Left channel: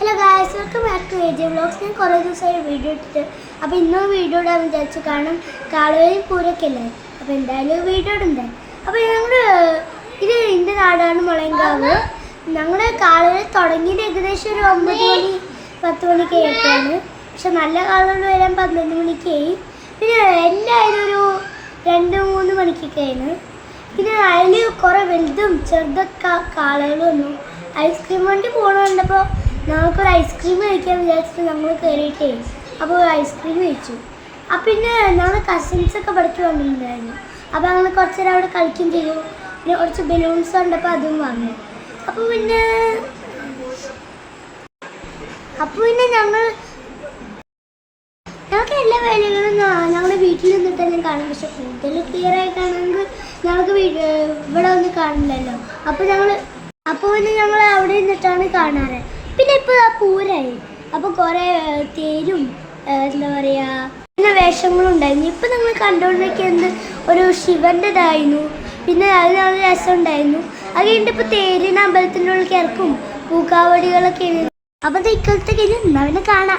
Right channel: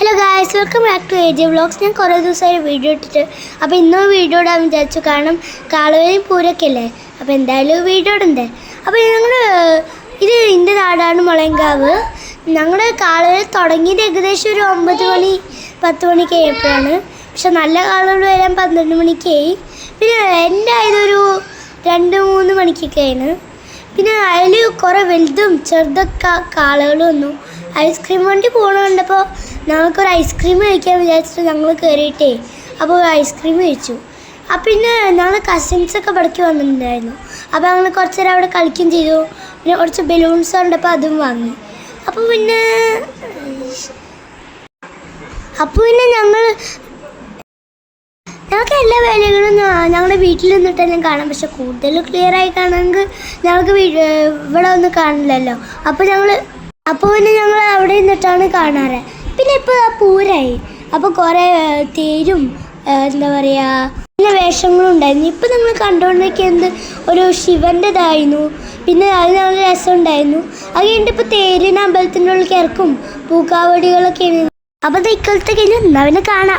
Hello guys, welcome back to AJ vlogs. ഞാൻ കുറേ ദിവസമായി വീഡിയോ ഇട്ടിട്ട് അപ്പോൾ ഇന്നും വീഡിയോ ഇടാൻ വിചാരിച്ചു. കാരണം കാളവരി പൂരൊക്കെ അല്ലേ, അപ്പോൾ എന്തായാലും വീഡിയോ ഇടണ്ടേ. അപ്പോൾ ഇത് എൻ്റെ നാടാണ് മുളയങ്കാവ്. ഞങ്ങളുടെ കാളവരി തുടങ്ങിയത് ഏകദേശം ഒരു 9 മണി 10 മണിക്ക് ആയപ്പോഴാണ്. പക്ഷെ നല്ല കാളകൾ വരാൻ 12 മണിക്കായി. പിന്നെ എൻ്റെ ആയതൊരു 2-3 മണിക്കൊക്കെയാണ്. പിന്നെ അതിൽ കുറേ വലുതും ചെറുതൊക്കെ കാളകൾ വന്നു. ഐസ്ക്രീം വണ്ടി പോകണമുണ്ടപ്പോൾ ഞങ്ങൾക്കൊരു ഐസ്ക്രീം കഴിക്കാൻ വിചാരിച്ചിട്ട് ഞങ്ങൾ കയറിയിട്ടേ അപ്പോൾ ഒരു ഐസ്ക്രീം കഴിച്ചു. പിന്നെ ഞങ്ങൾ കസിൻസൊക്കെ ഇവിടേക്ക് വന്നിട്ടുണ്ടായിരുന്നു. അപ്പോൾ ഞങ്ങൾ കുറച്ച് നേരം അവിടെ കളിക്കുകയും ചെയ്തു. പിന്നെ കുറച്ച് ബലൂൺസ് കണ്ടപ്പോൾ അതും വാങ്ങി. അപ്പോൾ പിന്നെ ഞങ്ങൾക്ക് എല്ലാ വേലകളും ഞങ്ങളുടെ വീട്ടിൽ നിന്നിട്ടെല്ലാം കാണാം. പക്ഷെ കൂടുതൽ ക്ലിയറായി കാണണമെങ്കിൽ ഞങ്ങൾക്ക് ഇവിടെ ഒന്നും കാണില്ലല്ലോ. അപ്പോൾ പിന്നെ ഞങ്ങൾ അവിടെ നിന്നിട്ടാണ് കാണാറ്. പിന്നെ ഇപ്പോൾ ആ പൂരായി, അപ്പോൾ കുറേ തേരും എന്താ പറയുക നല്ല വേഷങ്ങളും ഉണ്ടായിരുന്നു. ഇപ്പോൾ നിങ്ങൾ കണ്ടുകൊണ്ടിരിക്കുന്നത് ഒരു ശിവൻ്റെ ഇതായിരുന്നു. പിന്നെ അത് നല്ല രസമുണ്ടായിരുന്നു. അത് കഴിഞ്ഞിട്ട് ഇപ്പോൾ തേരിന് അമ്പലത്തിൻ്റെ ഉള്ളിൽ ഇറക്കും പൂക്കാവടികളൊക്കെയാണ്. അപ്പോൾ അത് ഇക്കൊല്ലത്തെ കഴിഞ്ഞ് അവനെ കാണാം.